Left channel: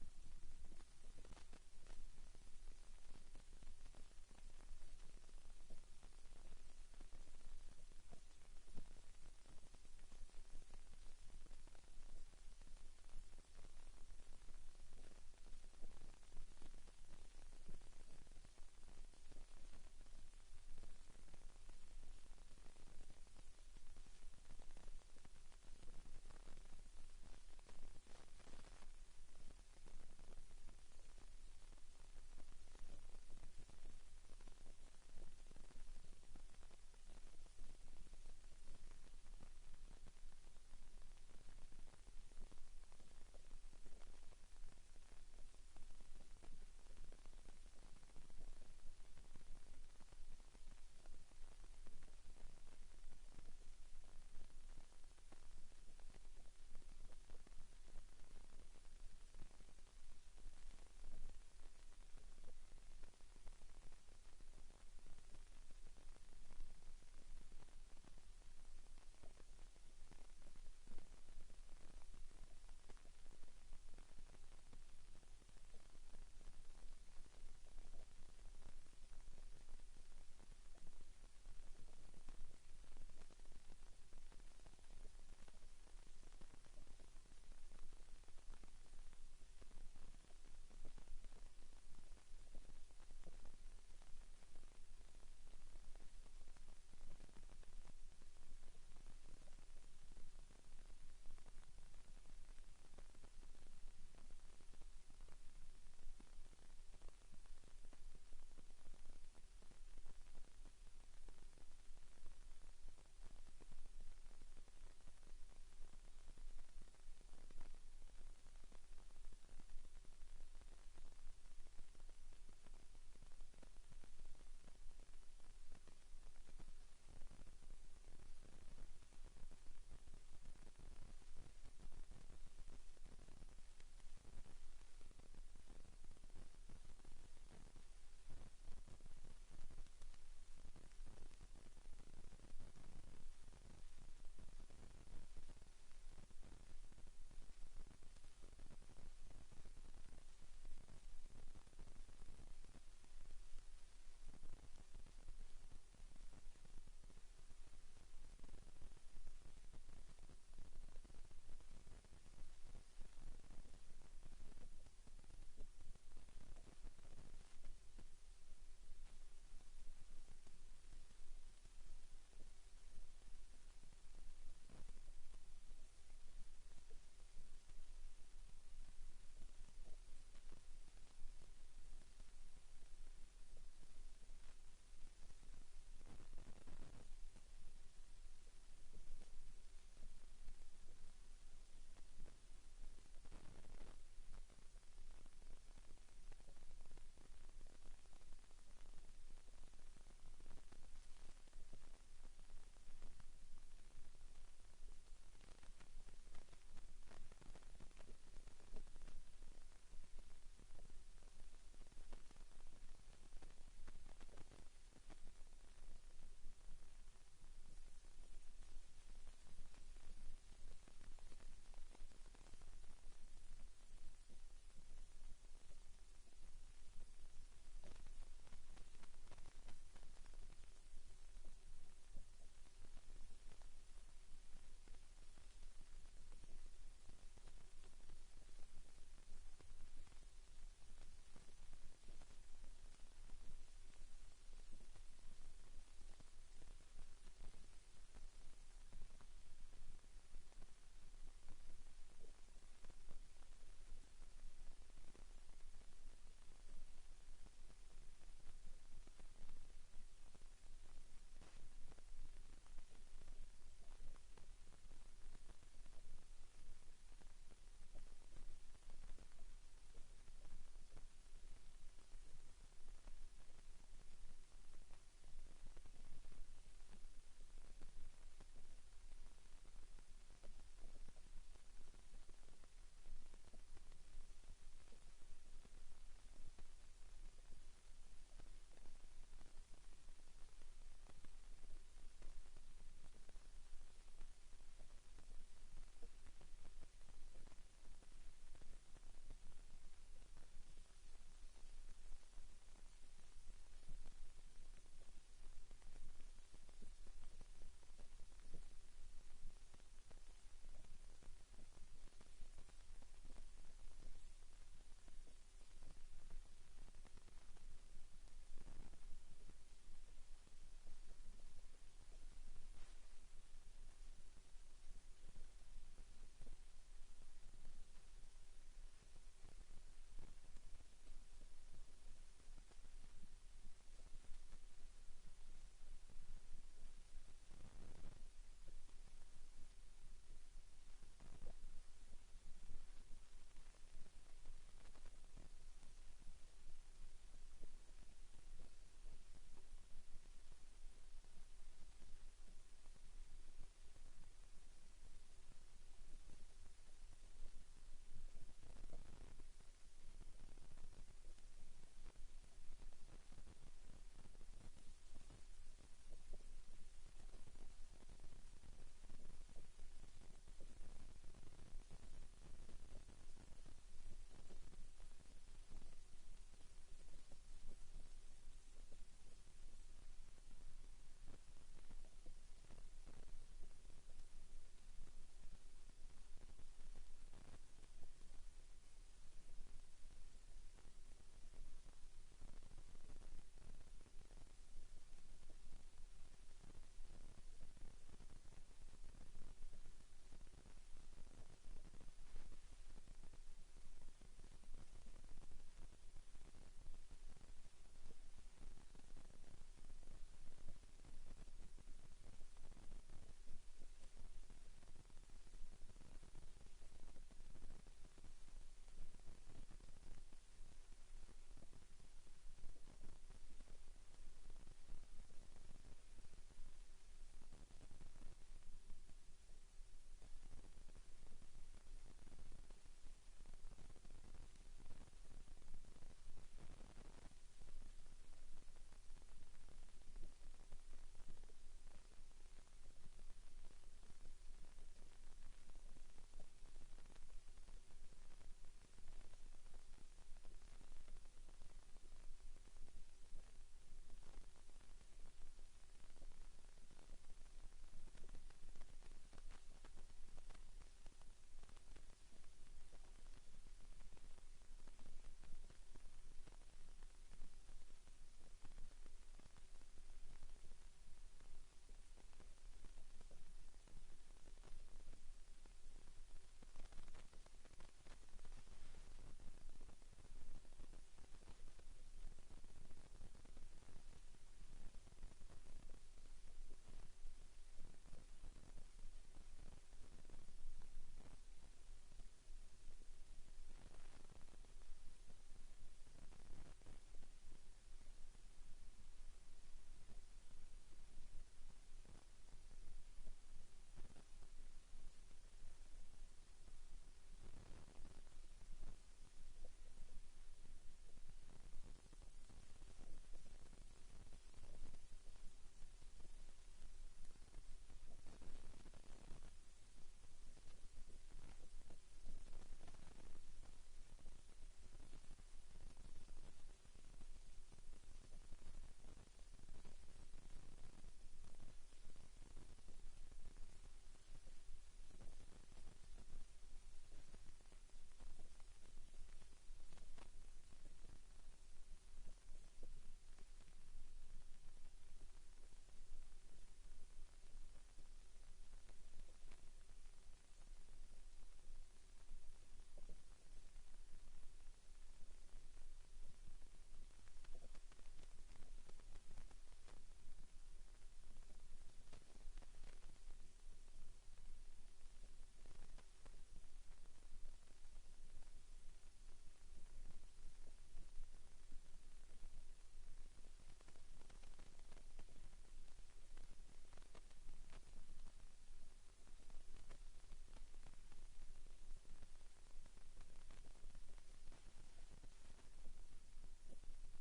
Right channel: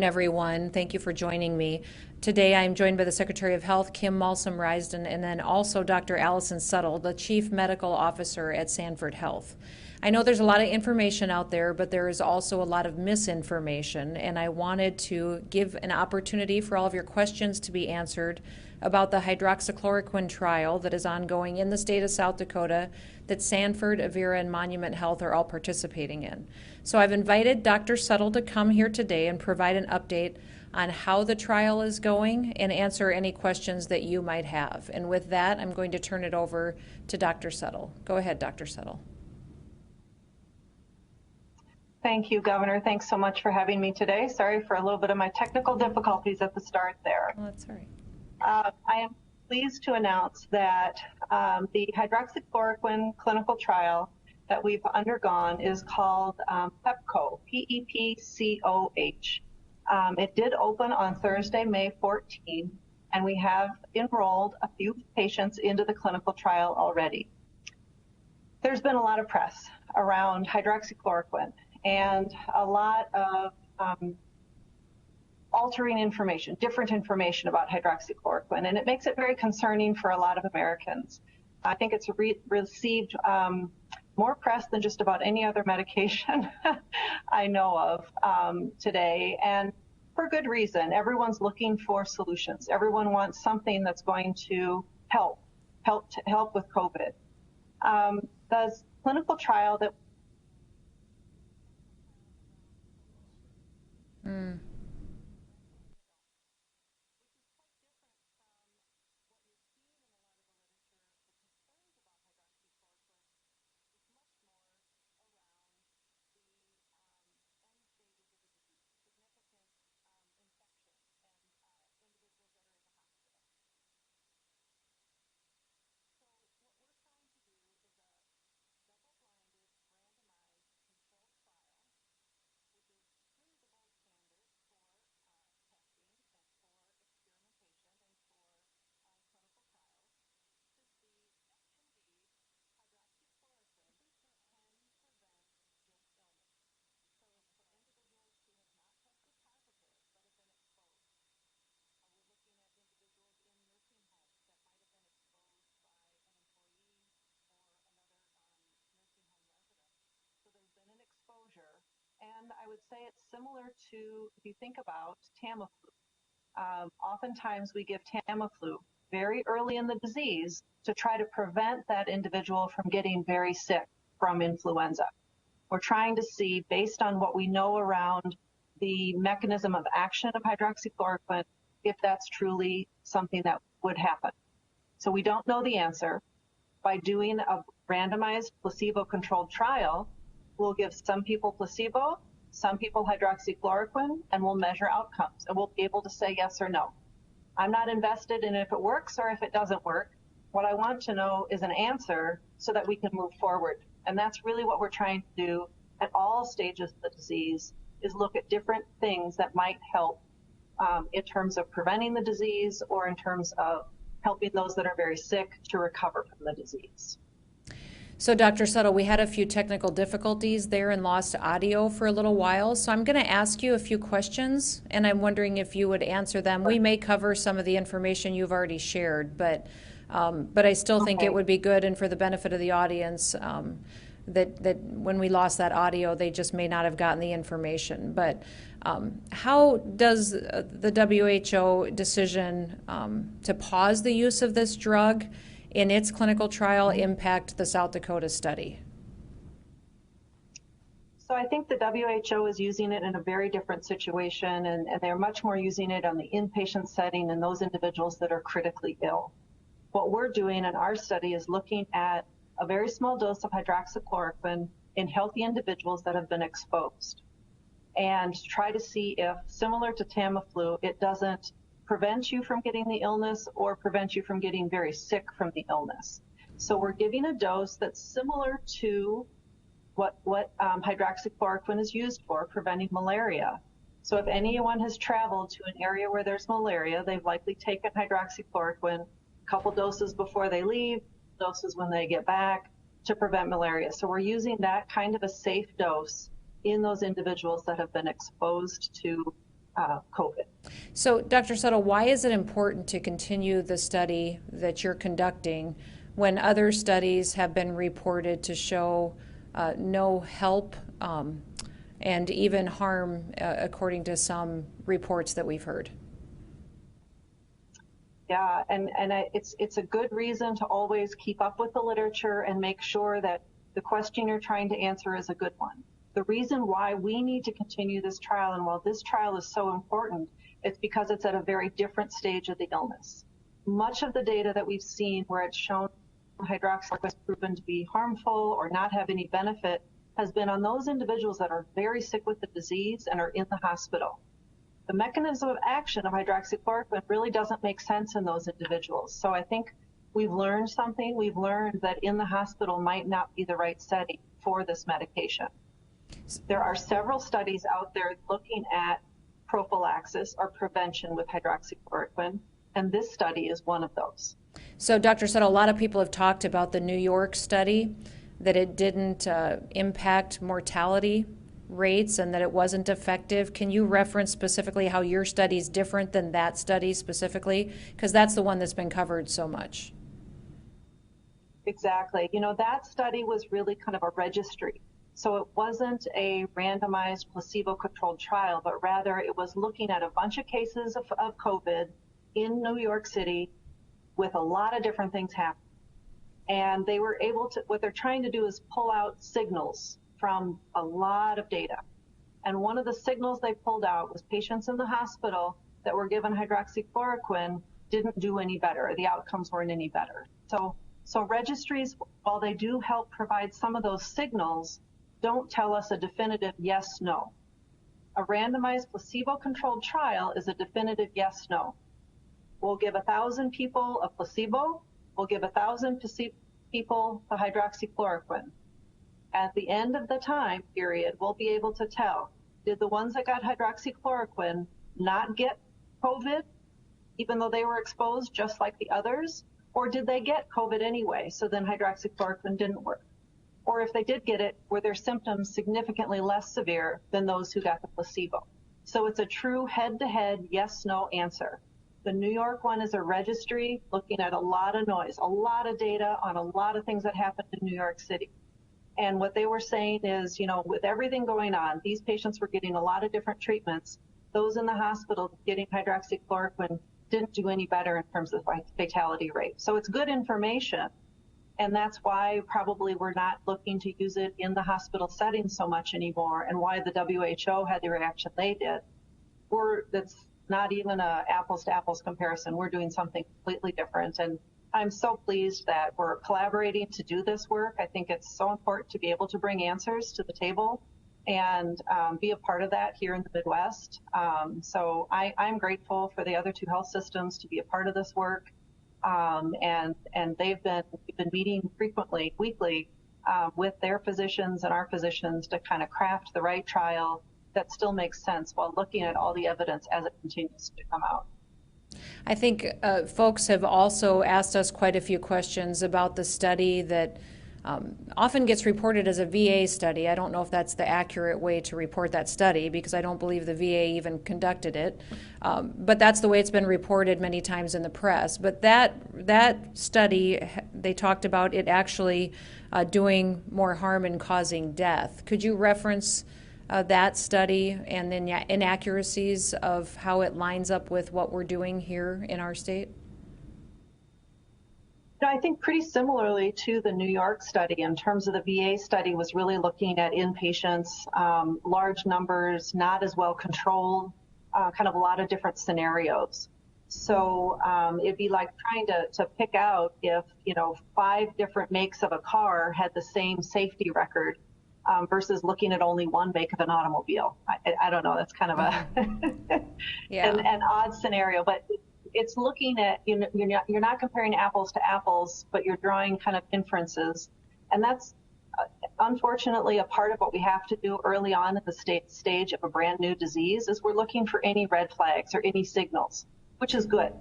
Everyone. Thank you for joining me. Today I'm joined by the Secretary of Health, Kim Malsom-Risden, and then also Dr. Allison Settle, the Chief Medical Officer at Sanford Health. I know there's a lot of information out there, but there is also a lot of misinformation, and I wanted to give an opportunity for all of your questions to be answered about the hydroxychloroquine trial that is ongoing in the state of South Dakota that Sanford, Avera, and Monument Health are all participating in. So I've invited Dr. Settle to come here today and provide an update on how the trial is going and answer any questions that you might have. And with that, I'm going to turn it over to Dr. Settle. Go ahead, Dr. Settle. Thank you, Governor. Thanks so much for having me today. Sorry for a little bit of my technical difficulties at the start there. Well, that's all right. I am pleased to announce that the hydroxychloroquine clinical trial that we've undergone is called PEPCO, P-E-P-C-O-H. It did open on Thursday, May 14, and we have enrolled a few patients into the clinical trial already. There's been a lot of press around hydroxychloroquine and a lot of altering information, different information about hydroxychloroquine, and it makes it very concerning for a lot of Americans. I think it's received more press than just about any other medication I know of today, and for good reason. Everyone's looking for solutions. Everyone wants something that's going to help with COVID. The clinical trial that say it's similar to, if you think about Tamiflu. Oftentimes we give Tamiflu very early in the disease to try to prevent that individual from getting very sick from influenza. We're trying to see, based on what we know around the mechanism of action of hydroxychloroquine, if that's truly something that would happen. So we don't know the answer. By doing a randomized placebo-controlled trial, we'll give some people placebo, some people hydroxychloroquine, and we'll measure outcomes, and we'll be able to say yes or no. I'm not invested in if it works or if it doesn't work. What I want to know is an answer so that we can move forward. And that's really what we're trying to do at all stages of the disease, is look at different things that might help in terms of preventing the disease or in terms of helping those that are very sick to recover from the disease. So Dr. Settle, we had a few technical difficulties there and lost audio for a little while. So I'm going to ask you a few questions, and I'm wondering if you would answer them. We may cover some of the information you've already shared, but I still think it would be good, and for the benefit of the audience, that when we lost that audio, they just may not have gotten the information. But how does the WHO decision to pause the use of this drug in its clinical trial impact the South Dakota study? So I think the WHO is using it in a very different situation, and they're much more using it on the inpatient setting and those individuals that are critically ill. What we're doing in our study is looking at a very small dose of hydroxychloroquine in healthy individuals that have been exposed, and try to see if, similar to Tamiflu, it doesn't prevent you from getting the illness or prevent you from getting very sick from the illness. So we're giving a dose that's similar to what hydroxychloroquine is used for, preventing malaria. So if anyone has traveled to an area where there's malaria, they've likely taken hydroxychloroquine a couple doses before they leave, doses when they get back, to prevent malaria. So we're using that kind of a safe dose in those individuals that have been exposed to COVID. So, Dr. Settle, why is it important to continue the study that you're conducting when other studies have been reported to show no help and even harm, according to some reports that we've heard? Yeah, it's a good reason to always keep up with the literature and make sure that the question you're trying to answer is a good one. The reason why we need to continue this trial, and while this trial is so important, it's because it's at a very different stage of the illness. Much of the data that we've seen where it's shown hydroxychloroquine is proven to be harmful or not have any benefit has been on those individuals that are very sick with the disease and are in the hospital. The mechanism of action of hydroxychloroquine really doesn't make sense in those individuals. So I think we've learned something. We've learned that in the hospital might not be the right setting for this medication. There are several studies out there looking at prophylaxis or prevention with hydroxychloroquine, and this study is one of those. So, Dr. Settle, a lot of people have talked about the New York study, that it didn't impact mortality rates and that it wasn't effective. Can you reference specifically how your study is different than that study specifically? Because that's the one that's been covered so much. Exactly. You know, that study was really kind of a registry. So it wasn't a randomized placebo-controlled trial, but rather it was looking at a bunch of cases of COVID in New York City with a lot of different things happening. And they were able to, what they're trying to do is pull out signals from a lot of data. And one of the signals they pulled out was patients in the hospital that were given hydroxychloroquine didn't do any better. The outcomes weren't any better. So registries, while they do help provide some of those signals, don't tell us a definitive yes, no. A randomized placebo-controlled trial is a definitive yes, no. We'll give 1,000 people a placebo. We'll give 1,000 people the hydroxychloroquine. At the end of the time period, we'll be able to tell, did the ones that got hydroxychloroquine not get COVID, even though they were exposed just like the others? Or did they get COVID anyway, so then hydroxychloroquine didn't work? Or if they did get it, were their symptoms significantly less severe than those who got the placebo? So it's a true head-to-head yes-no answer. The New York one is a registry looking at a lot of noise, a lot of data on a lot of things that happened in New York City. And what they were saying is, you know, with everything going on, these patients were getting a lot of different treatments. Those in the hospital getting hydroxychloroquine didn't do any better in terms of fatality rate. So it's good information. And that's why probably we're not looking to use it in the hospital setting so much anymore, and why the WHO had the reaction they did. That's not even a apples to apples comparison. We're doing something completely different. And I'm so pleased that we're collaborating to do this work. I think it's so important to be able to bring answers to the table and be a part of that here in the Midwest. So I'm grateful for the other two health systems to be a part of this work. And we've been meeting frequently, weekly, with their physicians and our physicians to kind of craft the right trial that still makes sense while looking at all the evidence as it continues to come out. I think folks have also asked us quite a few questions about the study that often gets reported as a VA study. I don't know if that's the accurate way to report that study, because I don't believe the VA even conducted it. But that's the way it's been reported many times in the press. But that study, they talked about it actually doing more harm and causing death. Could you reference that study and then inaccuracies of how it lines up with what we're doing here in our state? I think pretty similarly to the New York study, in terms of the VA study was really looking at inpatients, large numbers, not as well controlled, kind of a lot of different scenarios. So it'd be like trying to pick out if, 5 different makes of a car had the same safety record versus looking at only one make of an automobile. I don't know, that's kind of a an odd scenario, but it's looking at, you're not comparing apples to apples, but you're drawing kind of inferences. And that's unfortunately a part of what we have to do early on at the stage of a brand new disease, is we're looking for any red flags or any signals, which is good.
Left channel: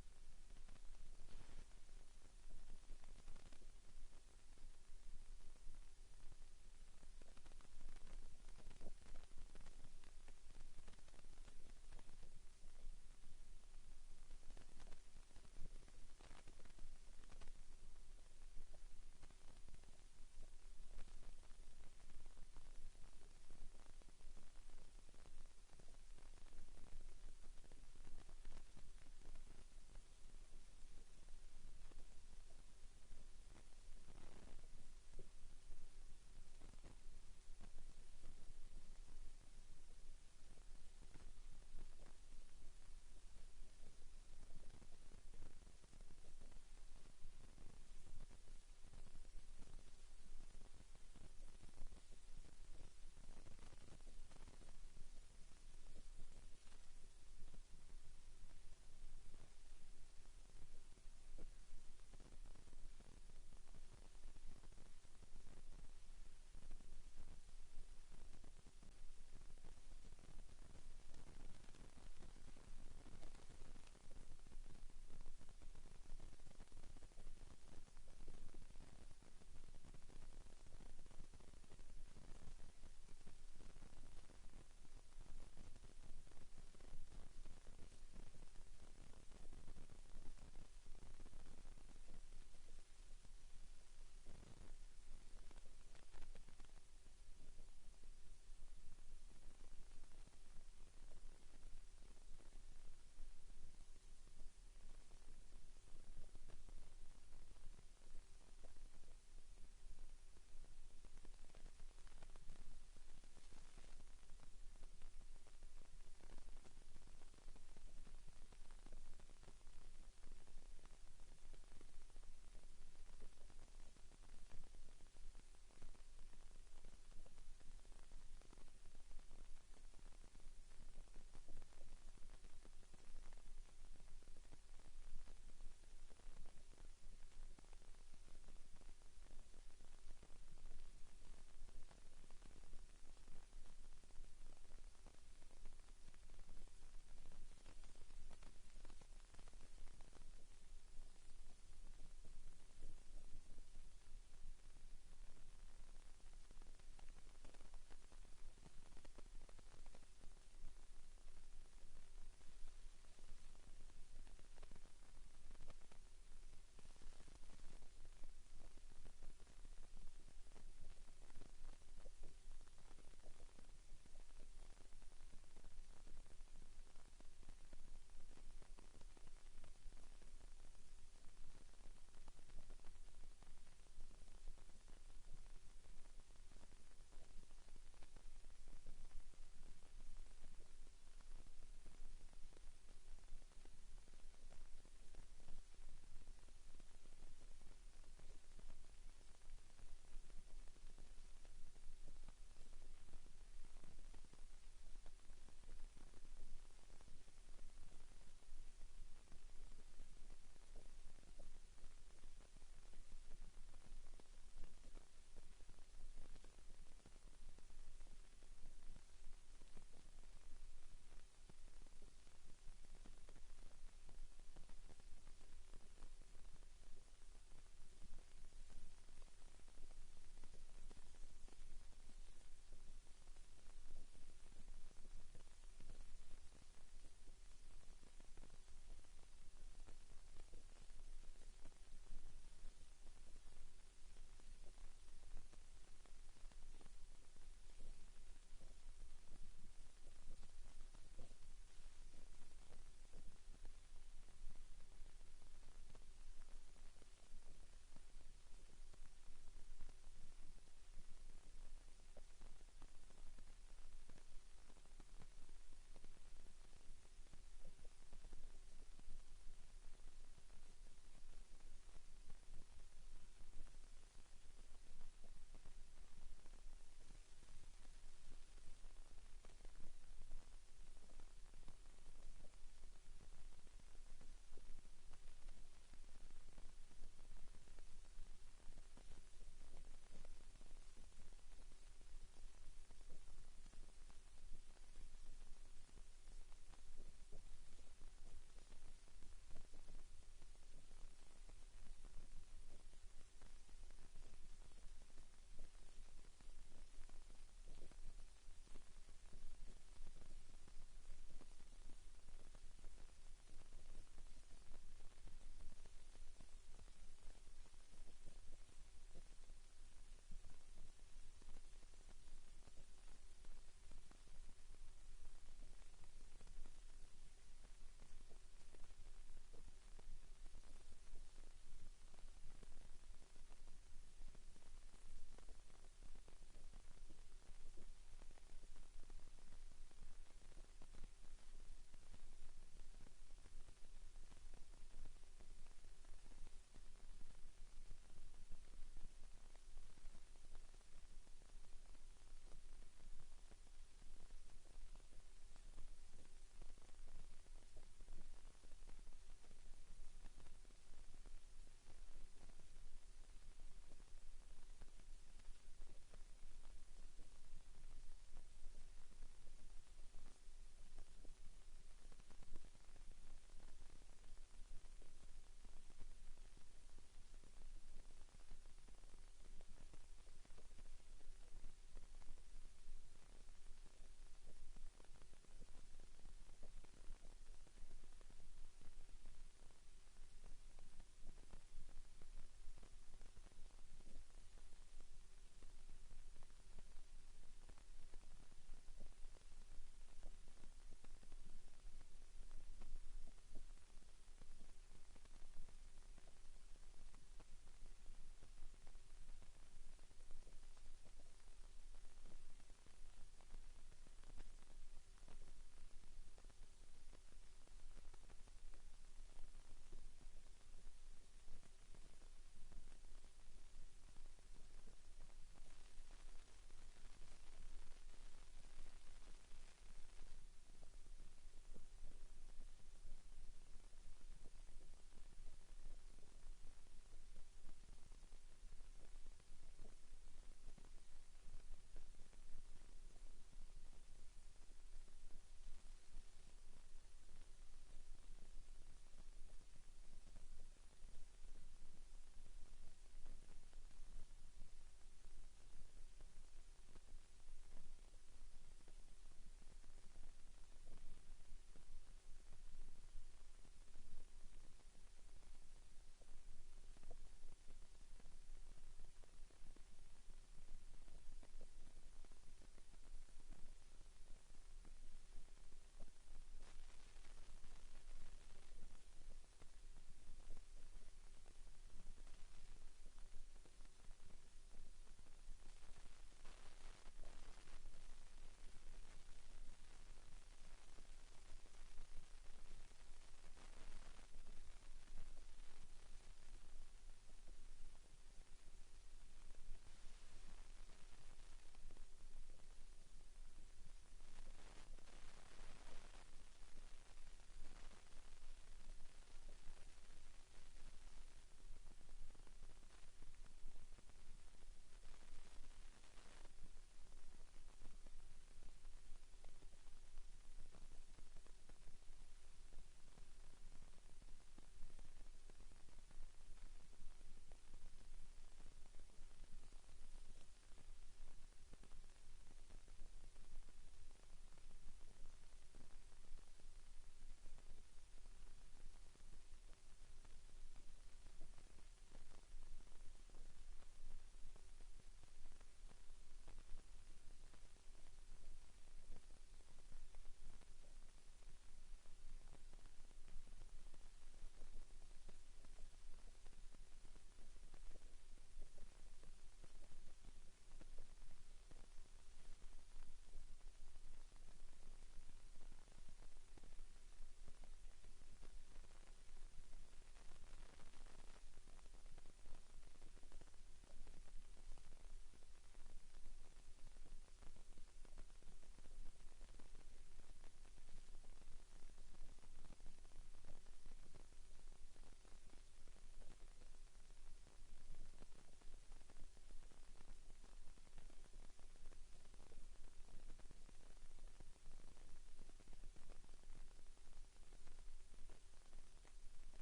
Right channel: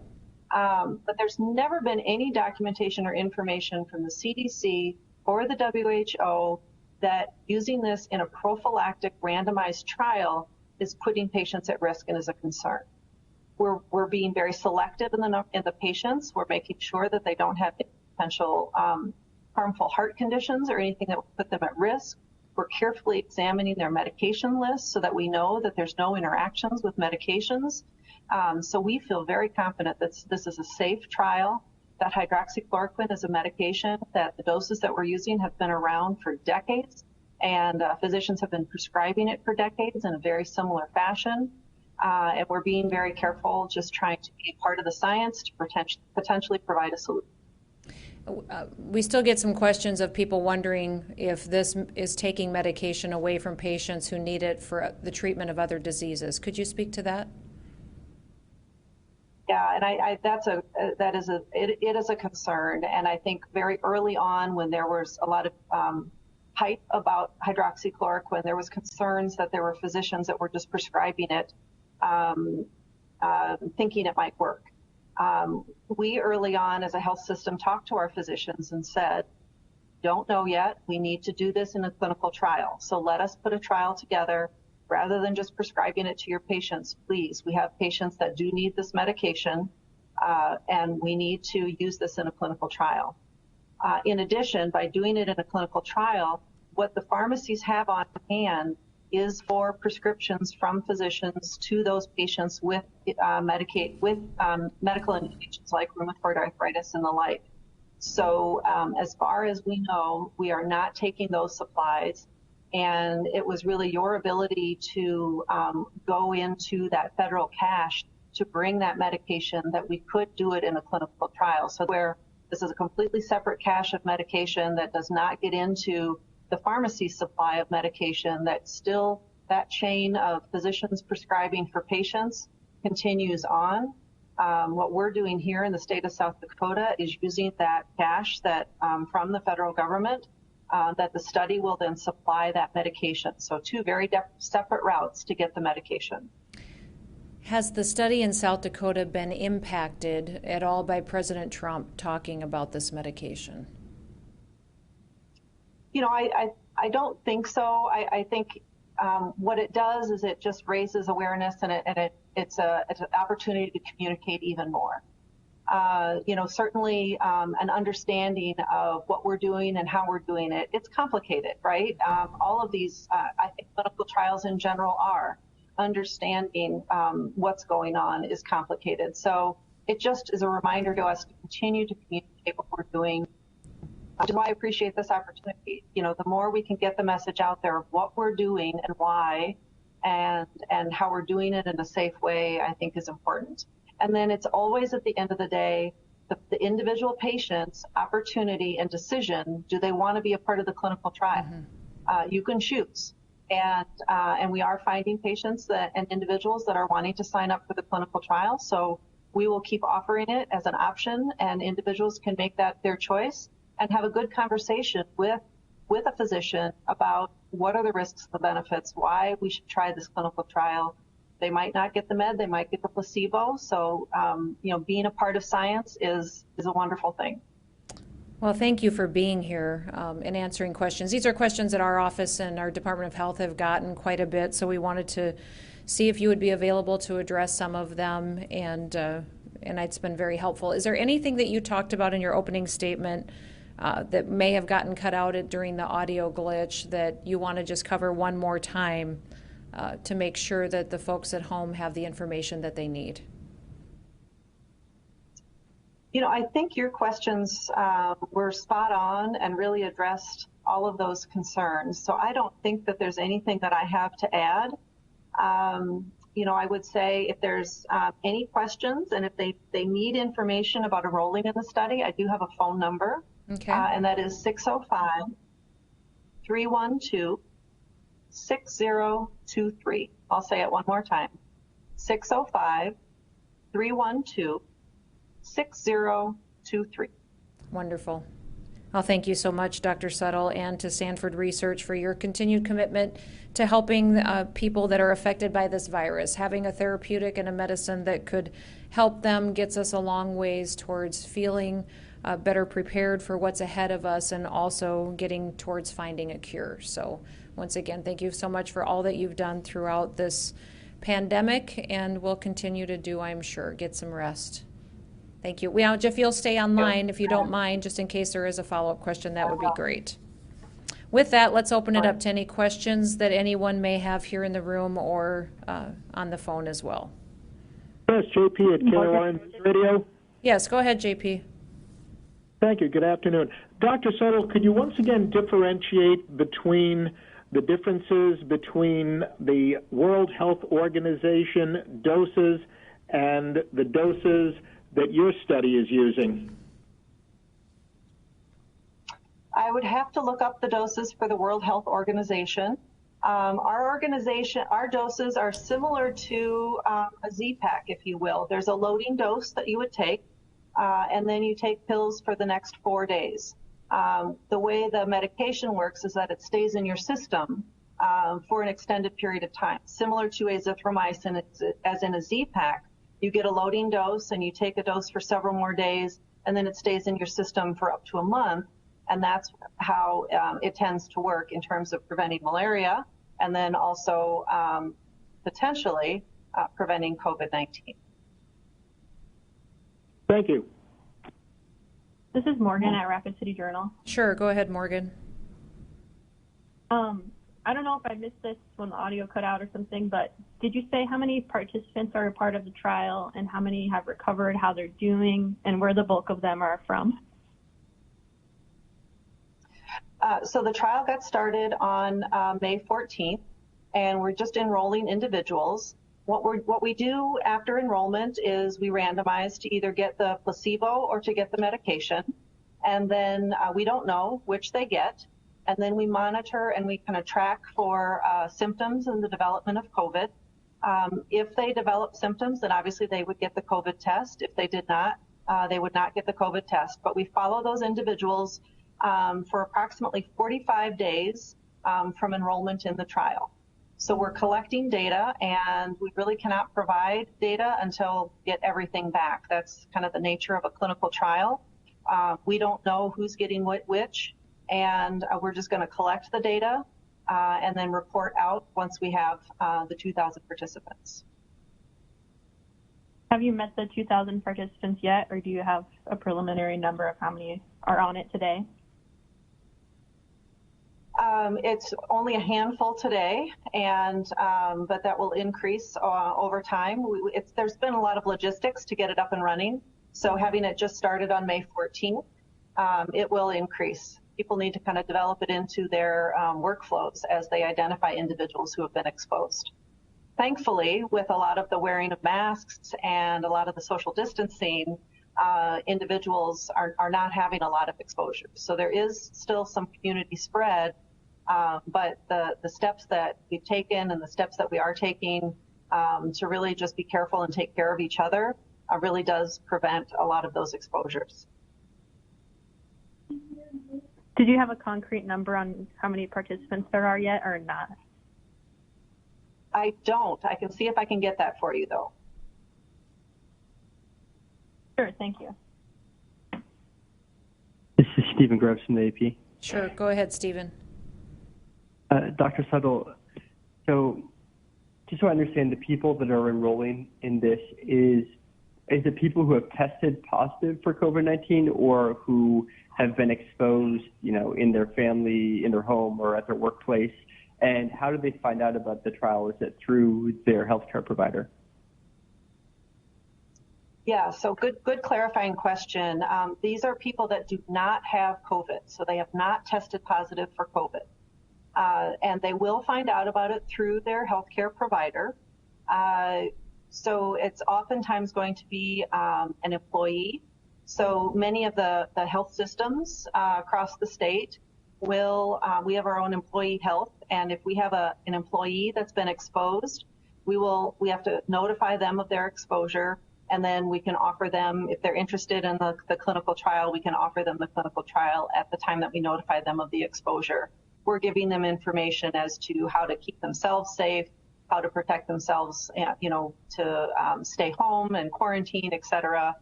But there's never been any documentation or information from the CDC or the WHO that using this in a prophylactic randomized trial is putting patients at risk and is a concern. We're being very selective in the patients. We're making sure that they don't have potential harmful heart conditions or anything that would put them at risk. We're carefully examining their medication list so that we know that there's no interactions with medications. So we feel very confident that this is a safe trial, that hydroxychloroquine is a medication, that the doses that we're using have been around for decades, and physicians have been prescribing it for decades in a very similar fashion. And we're being very careful, just trying to be part of the science to potentially provide a solution. We still get some questions of people wondering if this is taking medication away from patients who need it for the treatment of other diseases. Could you speak to that? Yeah, and it is a concern, and I think very early on, when there was a lot of hype about hydroxychloroquine, there was concerns that there were physicians that were just prescribing it, thinking it might work. We early on as a health system talked to our physicians and said, don't know yet, we need to do this in a clinical trial. So let us put a trial together rather than just prescribing it to your patients. Please, we have patients that do need this medication, and we need to use this in a clinical trial. In addition, by doing it in a clinical trial, what the pharmacies have on hand is for prescriptions from physicians to those patients with medical indications like rheumatoid arthritis and the like. So as far as we know, we are not taking those supplies, and it was really your ability to go into that federal cache to bring that medication that we could do it in a clinical trial. So where this is a completely separate cache of medication that does not get into the pharmacy supply of medication, that still that chain of physicians prescribing for patients continues on. What we're doing here in the state of South Dakota is using that cache that from the federal government, that the study will then supply that medication. So two very separate routes to get the medication. Has the study in South Dakota been impacted at all by President Trump talking about this medication? You know, I don't think so. I think what it does is it just raises awareness, and it's an opportunity to communicate even more. You know, certainly an understanding of what we're doing and how we're doing it. It's complicated, right? All of these, I think clinical trials in general are. Understanding what's going on is complicated. So it just is a reminder to us to continue to communicate what we're doing. So I appreciate this opportunity. You know, the more we can get the message out there of what we're doing and why, and how we're doing it in a safe way, I think is important. And then it's always at the end of the day, the individual patient's opportunity and decision, do they want to be a part of the clinical trial? Mm-hmm. You can choose. And we are finding patients and individuals that are wanting to sign up for the clinical trial. So we will keep offering it as an option, and individuals can make that their choice and have a good conversation with a physician about what are the risks, the benefits, why we should try this clinical trial. They might not get the med, they might get the placebo. So, you know, being a part of science is a wonderful thing. Well, thank you for being here and answering questions. These are questions that our office and our Department of Health have gotten quite a bit, so we wanted to see if you would be available to address some of them, and it's been very helpful. Is there anything that you talked about in your opening statement that may have gotten cut out during the audio glitch that you want to just cover one more time to make sure that the folks at home have the information that they need? You know, I think your questions were spot on and really addressed all of those concerns. So I don't think that there's anything that I have to add. You know, I would say if there's any questions and if they need information about enrolling in the study, I do have a phone number. Okay. And that is 605-312-6023. I'll say it one more time. 605-312-6023. Wonderful. Well, thank you so much, Dr. Suttle, and to Sanford Research for your continued commitment to helping people that are affected by this virus. Having a therapeutic and a medicine that could help them gets us a long ways towards feeling better prepared for what's ahead of us, and also getting towards finding a cure. So once again, thank you so much for all that you've done throughout this pandemic, and we'll continue to do, I'm sure. Get some rest. Thank you. Well, if you'll stay online, if you don't mind, just in case there is a follow-up question, that would be great. With that, let's open it up to any questions that anyone may have here in the room or on the phone as well. Yes, JP at Caroline Radio. Yes, go ahead, JP. Thank you. Good afternoon. Dr. Settle, could you once again differentiate between the differences between the World Health Organization doses and the doses that your study is using? I would have to look up the doses for the World Health Organization. Our doses are similar to a Z-Pack, if you will. There's a loading dose that you would take, and then you take pills for the next 4 days. The way the medication works is that it stays in your system for an extended period of time. Similar to azithromycin, as in a Z-Pack, you get a loading dose and you take a dose for several more days, and then it stays in your system for up to a month. And that's how it tends to work in terms of preventing malaria and then also potentially preventing COVID-19. Thank you. This is Morgan at Rapid City Journal. Sure, go ahead, Morgan. I don't know if I missed this when the audio cut out or something, but did you say how many participants are a part of the trial and how many have recovered, how they're doing, and where the bulk of them are from? So the trial got started on May 14th, and we're just enrolling individuals. What we do after enrollment is we randomize to either get the placebo or to get the medication, and then we don't know which they get, and then we monitor and we kind of track for symptoms and the development of COVID. If they develop symptoms, then obviously they would get the COVID test. If they did not, they would not get the COVID test. But we follow those individuals for approximately 45 days from enrollment in the trial. So we're collecting data, and we really cannot provide data until we get everything back. That's kind of the nature of a clinical trial. We don't know who's getting which, and we're just going to collect the data and then report out once we have the 2,000 participants. Have you met the 2,000 participants yet, or do you have a preliminary number of how many are on it today? It's only a handful today, and but that will increase over time. There's been a lot of logistics to get it up and running, so having it just started on May 14th, it will increase. People need to kind of develop it into their workflows as they identify individuals who have been exposed. Thankfully, with a lot of the wearing of masks and a lot of the social distancing, individuals are not having a lot of exposure. So there is still some community spread, but the steps that we've taken and the steps that we are taking to really just be careful and take care of each other really does prevent a lot of those exposures. Did you have a concrete number on how many participants there are yet, or not? I don't. I can see if I can get that for you, though. Sure, thank you. This is Stephen Groves from the AP. Sure, go ahead, Stephen. Dr. Settle, so just so I understand, the people that are enrolling in this, is it people who have tested positive for COVID-19 or who have been exposed, in their family, in their home, or at their workplace? And how do they find out about the trial? Is it through their healthcare provider? Yeah, so good clarifying question. These are people that do not have COVID, so they have not tested positive for COVID. And they will find out about it through their healthcare provider. So it's oftentimes going to be an employee. So many of the health systems across the state will, we have our own employee health, and if we have an employee that's been exposed, we have to notify them of their exposure, and then we can offer them, if they're interested in the clinical trial, we can offer them the clinical trial at the time that we notify them of the exposure. We're giving them information as to how to keep themselves safe, how to protect themselves, to stay home and quarantine, et cetera,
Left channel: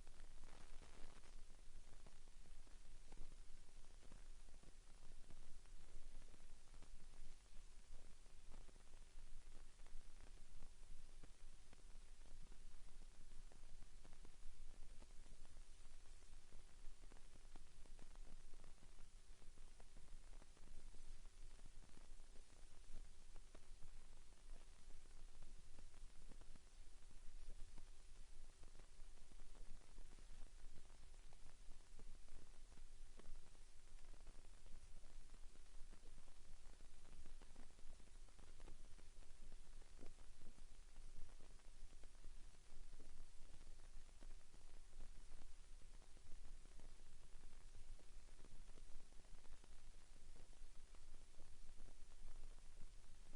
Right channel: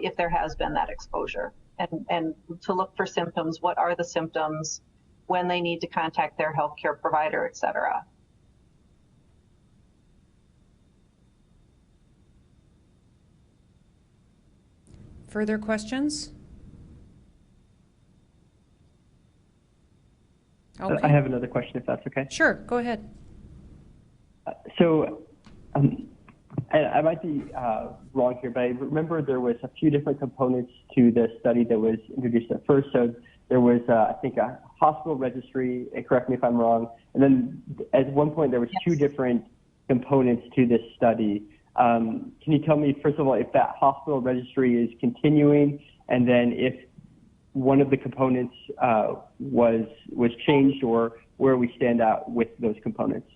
if there has been that exposure. And to look for symptoms, what are the symptoms, when they need to contact their healthcare provider, et cetera. further questions? Okay. I have another question, if that's okay. Sure, go ahead. So I might be wrong here, but I remember there was a few different components to the study that was introduced at first. So there was, I think, a hospital registry, correct me if I'm wrong, and then at one point there was two different components to this study. Can you tell me, first of all, if that hospital registry is continuing, and then if one of the components was changed, or where we stand out with those components?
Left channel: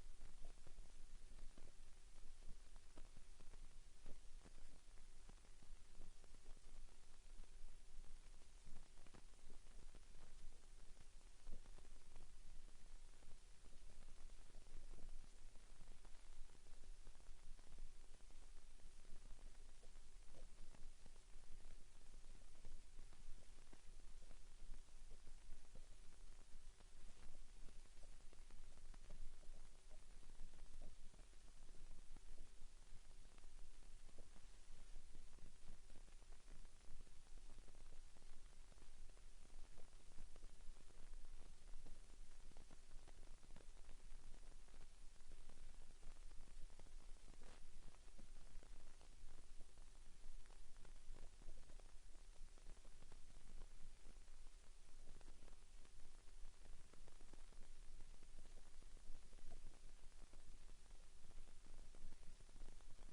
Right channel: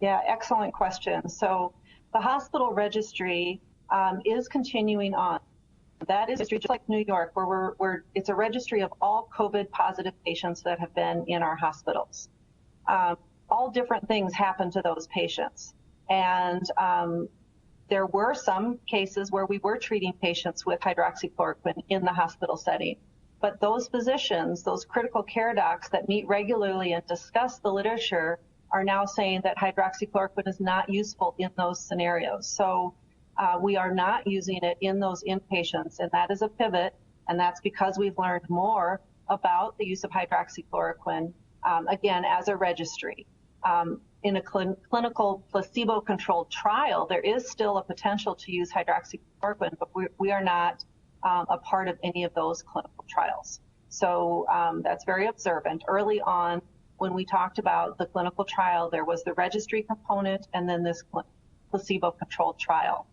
Yeah, excellent question. So the hospital registry is continuing on. That is just like New York, where it's a registry of all COVID positive patients that have been in our hospitals. All different things happen to those patients. And there were some cases where we were treating patients with hydroxychloroquine in the hospital setting. But those physicians, those critical care docs that meet regularly and discuss the literature, are now saying that hydroxychloroquine is not useful in those scenarios. So we are not using it in those inpatients, and that is a pivot, and that's because we've learned more about the use of hydroxychloroquine, again, as a registry. In a clinical placebo-controlled trial, there is still a potential to use hydroxychloroquine, but we are not a part of any of those clinical trials. So that's very observant. Early on, when we talked about the clinical trial, there was the registry component and then this placebo-controlled trial.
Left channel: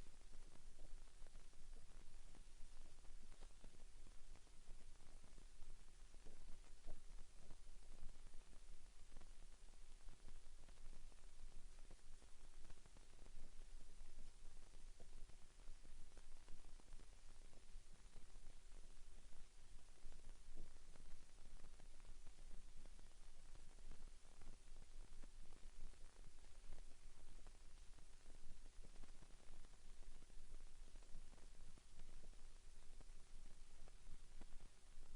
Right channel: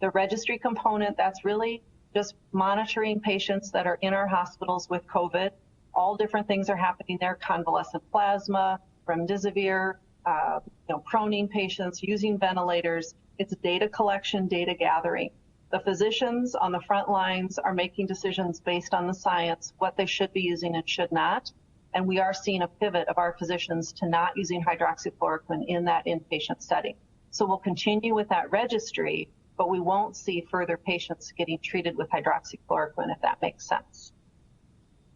The registry component, that's really just monitoring patients that are in our hospitals with COVID. All different things are happening there: convalescent plasma, remdesivir, proning patients, using ventilators. It's data collection, data gathering. The physicians on the front lines are making decisions based on the science, what they should be using and should not. And we are seeing a pivot of our physicians to not using hydroxychloroquine in that inpatient setting. So we'll continue with that registry, but we won't see further patients getting treated with hydroxychloroquine, if that makes sense.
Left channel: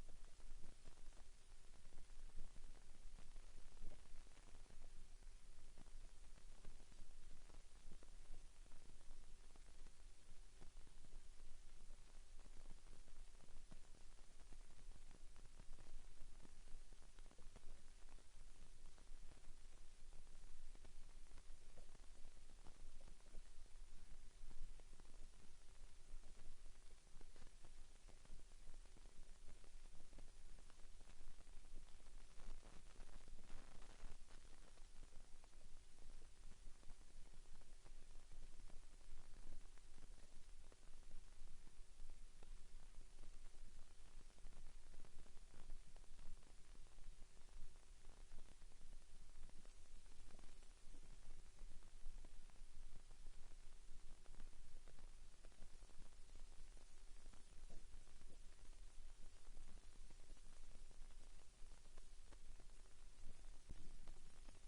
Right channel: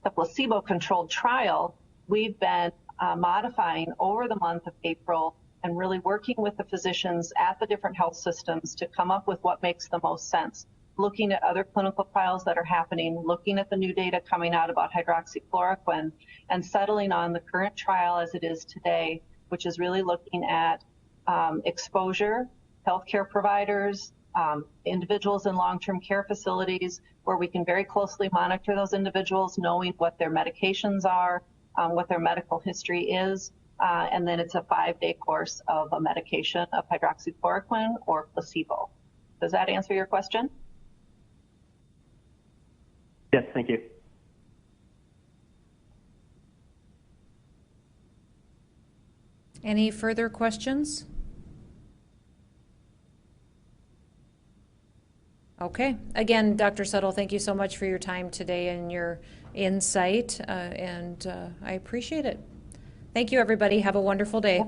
The placebo-controlled trial, we've been modifying over the month of April and really working with the physicians at the different health systems to come up with what makes the most sense. Looking at other clinical trials that are happening, looking at the new data coming out about hydroxychloroquine, and settling on the current trial as it is today, which is really looking at exposure, healthcare providers, individuals in long-term care facilities, where we can very closely monitor those individuals, knowing what their medications are, what their medical history is, and then it's a 5-day course of a medication of hydroxychloroquine or placebo. Does that answer your question? Yes, thank you. Any further questions? Okay. Again, Dr. Settle, thank you so much for your time today and your insight, and I appreciate it. Thank you, everybody. Have a wonderful day.